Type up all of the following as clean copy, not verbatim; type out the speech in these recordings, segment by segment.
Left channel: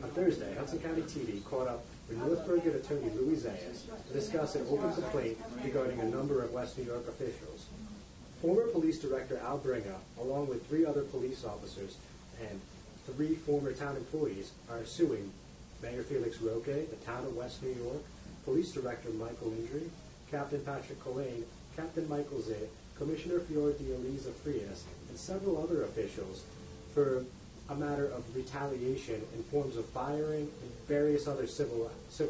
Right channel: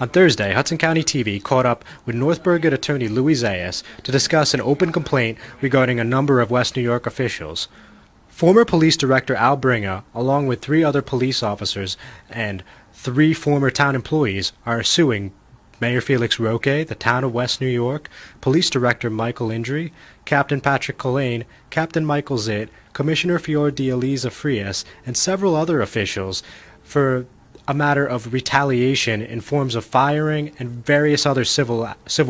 On Thursday, Hudson County TV caught up with North Bergen attorney Louie Zayas to discuss an open complaint regarding a number of West New York officials. Former police director Al Bringa, along with 3 other police officers and 3 former town employees, are suing Mayor Felix Roque, the town of West New York, Police Director Michael Indri, Captain Patrick Collane, Captain Michael Zitt, Commissioner Fior de Eliza Frias, and several other officials for a matter of retaliation in forms of firing and various other civil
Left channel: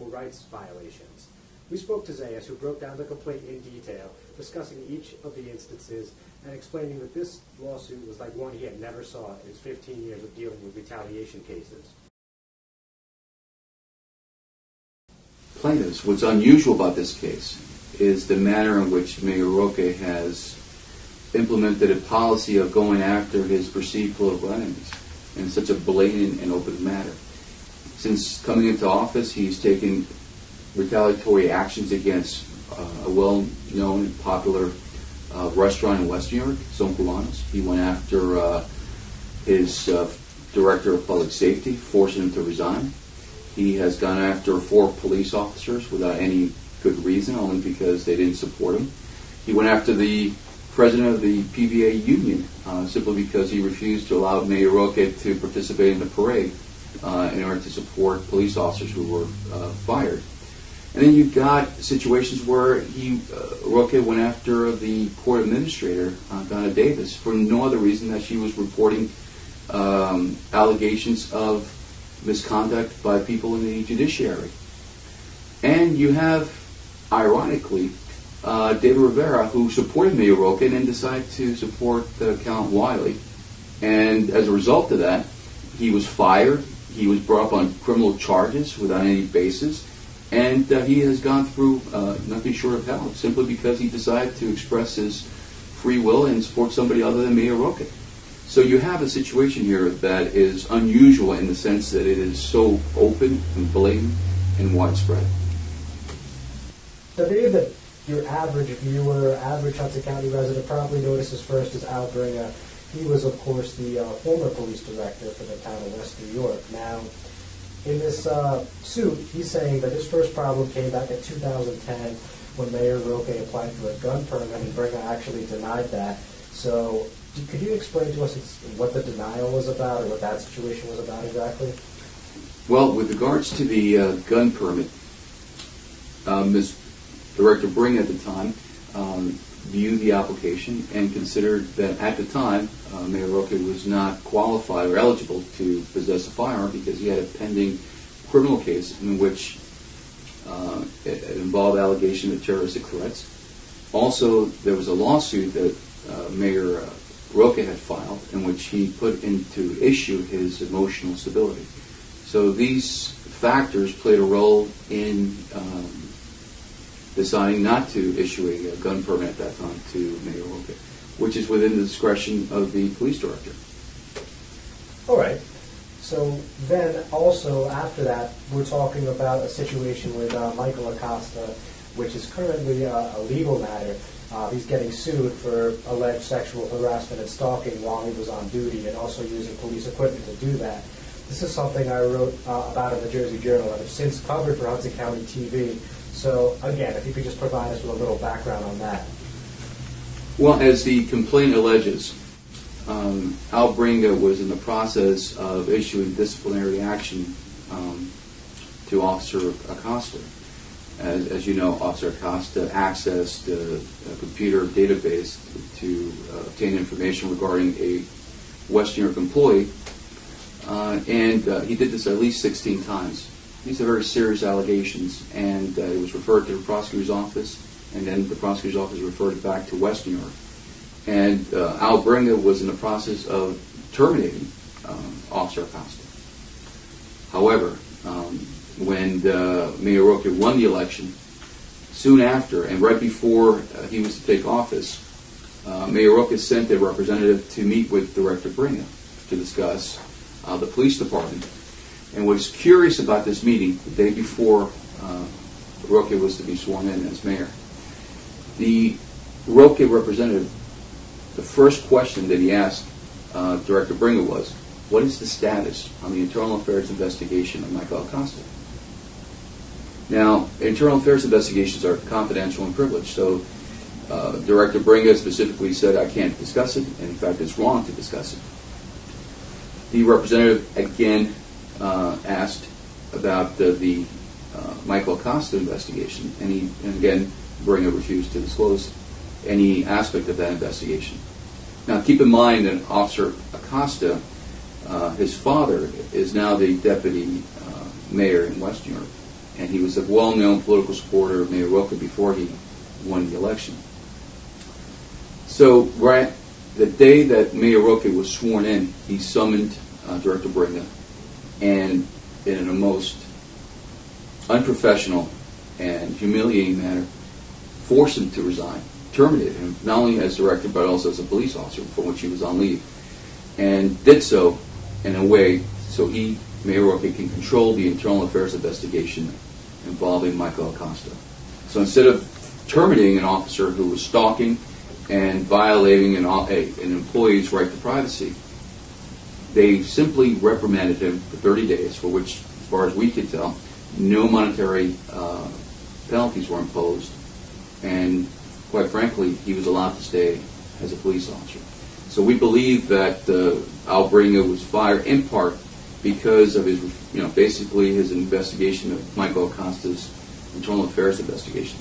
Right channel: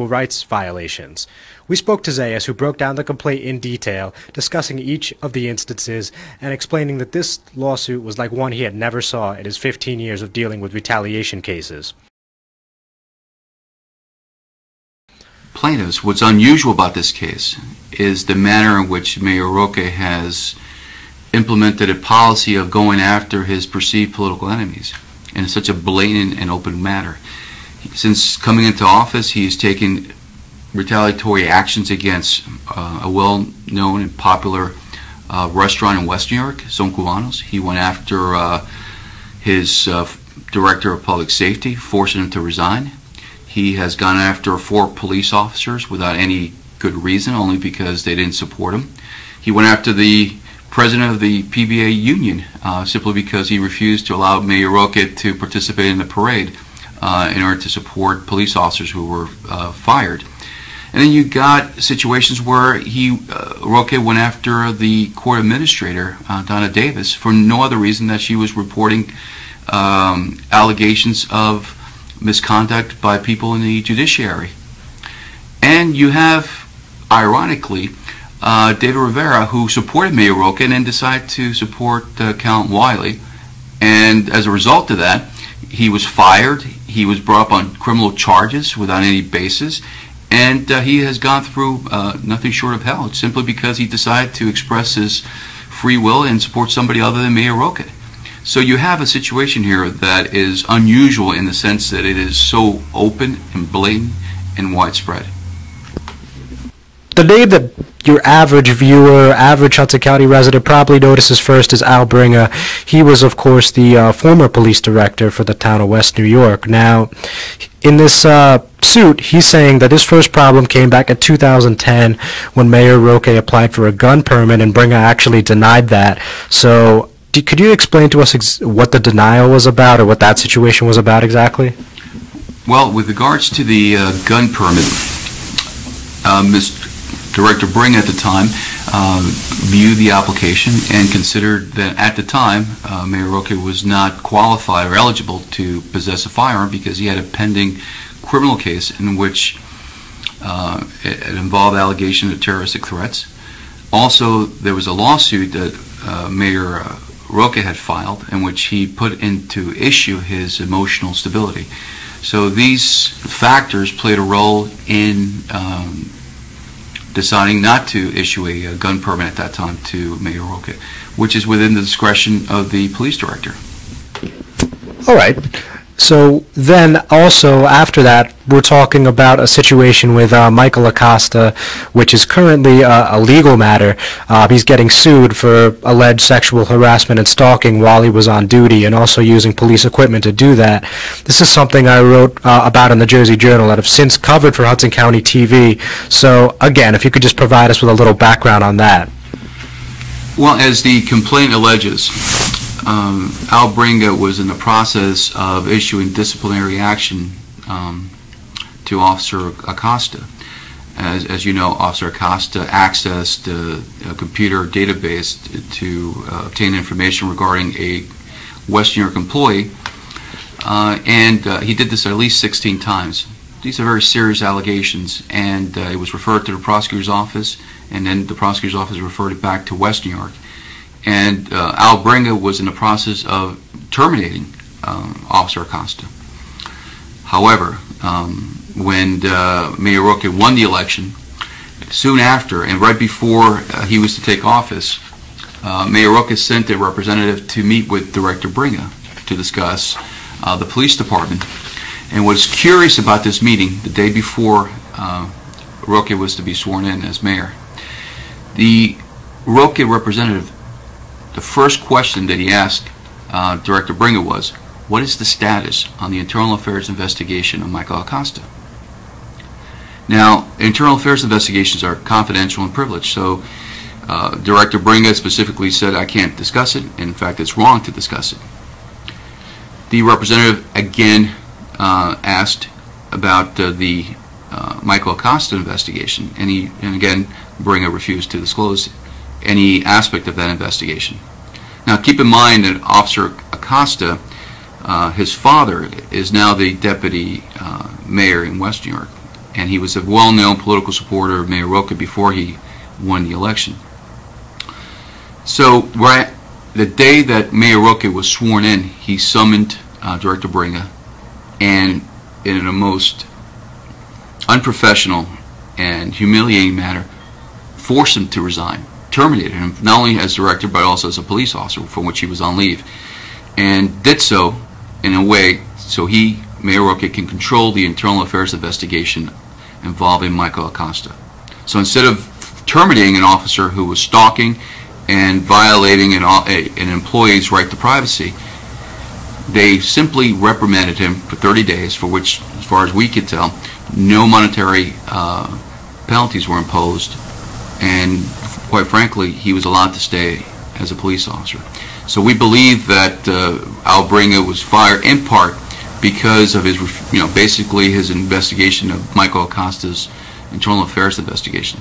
rights violations. We spoke to Zayas, who broke down the complaint in detail, discussing each of the instances and explaining that this lawsuit was like one he had never saw in his 15 years of dealing with retaliation cases. Plaintiffs, what's unusual about this case is the manner in which Mayor Roque has implemented a policy of going after his perceived political enemies in such a blatant and open manner. Since coming into office, he's taken retaliatory actions against a well-known and popular restaurant in West New York, Son Cubanos. He went after his director of public safety, forcing him to resign. He has gone after 4 police officers without any good reason, only because they didn't support him. He went after the president of the PBA union simply because he refused to allow Mayor Roque to participate in the parade in order to support police officers who were fired. And then you got situations where Roque went after the court administrator, Donna Davis, for no other reason that she was reporting allegations of misconduct by people in the judiciary. And you have, ironically, David Rivera, who supported Mayor Roque and then decided to support Count Wiley. And as a result of that, he was fired. He was brought up on criminal charges without any basis. And he has gone through nothing short of hell, simply because he decided to express his free will and support somebody other than Mayor Roque. So you have a situation here that is unusual in the sense that it is so open and blatant and widespread. The name that your average viewer, average Hudson County resident probably notices first is Al Bringa. He was, of course, the former police director for the town of West New York. Now, in this suit, he's saying that his first problem came back in 2010 when Mayor Roque applied for a gun permit, and Bringa actually denied that. So, could you explain to us what the denial was about, or what that situation was about exactly? Well, with regards to the gun permit, Mr. Director Bringa at the time viewed the application and considered that at the time Mayor Roque was not qualified or eligible to possess a firearm because he had a pending criminal case in which it involved allegations of terroristic threats. Also, there was a lawsuit that Mayor Roque had filed in which he put into issue his emotional stability. So these factors played a role in deciding not to issue a gun permit at that time to Mayor Roque, which is within the discretion of the police director. All right. So then also after that, we're talking about a situation with Michael Acosta, which is currently a legal matter. He's getting sued for alleged sexual harassment and stalking while he was on duty, and also using police equipment to do that. This is something I wrote about in the Jersey Journal that I've since covered for Hudson County TV. So again, if you could just provide us with a little background on that. Well, as the complaint alleges, Al Bringa was in the process of issuing disciplinary action to Officer Acosta. As you know, Officer Acosta accessed a computer database to obtain information regarding a West New York employee, and he did this at least 16 times. These are very serious allegations, and it was referred to the prosecutor's office, and then the prosecutor's office referred it back to West New York. And Al Bringa was in the process of terminating Officer Acosta. However, when Mayor Roque won the election, soon after and right before he was to take office, Mayor Roque sent a representative to meet with Director Bringa to discuss the police department. And what's curious about this meeting, the day before Roque was to be sworn in as mayor, the Roque representative, the first question that he asked Director Bringa was, what is the status on the internal affairs investigation of Michael Acosta? Now, internal affairs investigations are confidential and privileged, so Director Bringa specifically said I can't discuss it. In fact, it's wrong to discuss it. The representative again asked about the Michael Acosta investigation, and again Bringa refused to disclose any aspect of that investigation. Now, keep in mind that Officer Acosta, his father, is now the deputy mayor in West New York, and he was a well-known political supporter of Mayor Roque before he won the election. So, right the day that Mayor Roque was sworn in, he summoned Director Bringa, and in a most unprofessional and humiliating manner, forced him to resign, terminated him, not only as director but also as a police officer from which he was on leave, and did so in a way so Mayor Roque, can control the internal affairs investigation involving Michael Acosta. So instead of terminating an officer who was stalking and violating an employee's right to privacy, they simply reprimanded him for 30 days, for which, as far as we could tell, no monetary penalties were imposed, and quite frankly, he was allowed to stay as a police officer. So we believe that Al Bringa was fired in part because of his, basically his investigation of Michael Acosta's internal affairs investigation.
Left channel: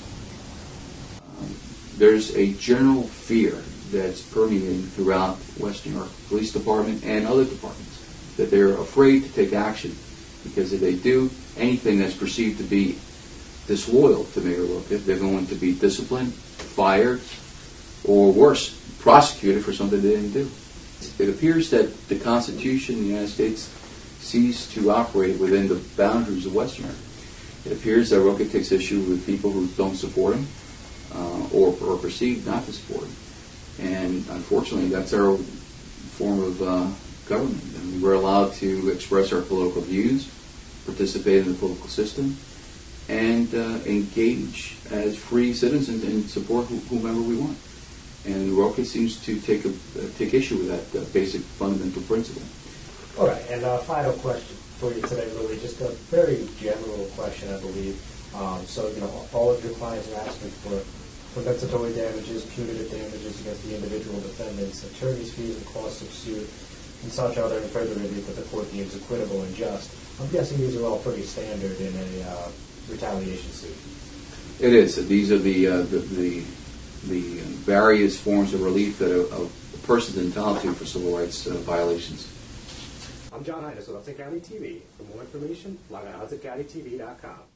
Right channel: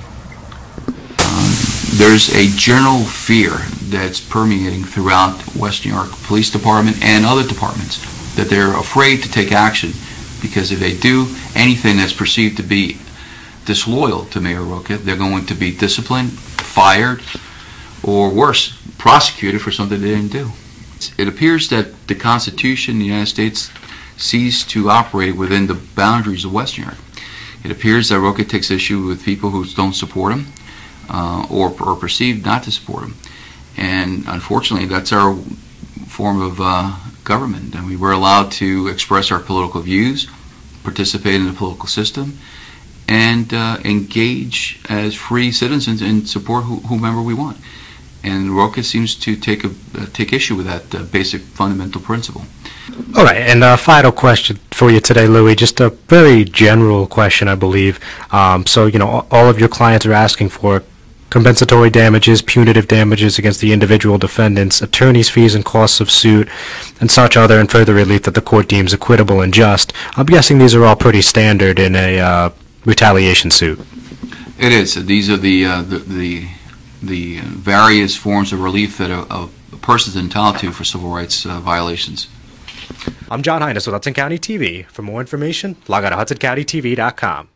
There's a general fear that's permeating throughout West New York Police Department and other departments that they're afraid to take action, because if they do anything that's perceived to be disloyal to Mayor Roque, they're going to be disciplined, fired, or worse, prosecuted for something they didn't do. It appears that the Constitution in the United States ceased to operate within the boundaries of West New York. It appears that Roque takes issue with people who don't support him or perceive not to support him. And unfortunately, that's our form of government. I mean, we're allowed to express our political views, participate in the political system, and engage as free citizens and support whomever we want. And Roque seems to take issue with that basic fundamental principle. All right, and a final question for you today, Louie, just a very general question, I believe. So, all of your clients are asking for compensatory damages, punitive damages against the individual defendants, attorney's fees and costs of suit, and such other and further relief that the court deems equitable and just. I'm guessing these are all pretty standard in a retaliation suit. It is. These are the various forms of relief that a person is entitled to for civil rights violations. I'm John Hines with Hudson County TV. For more information, log on to HudsonCountyTV.com.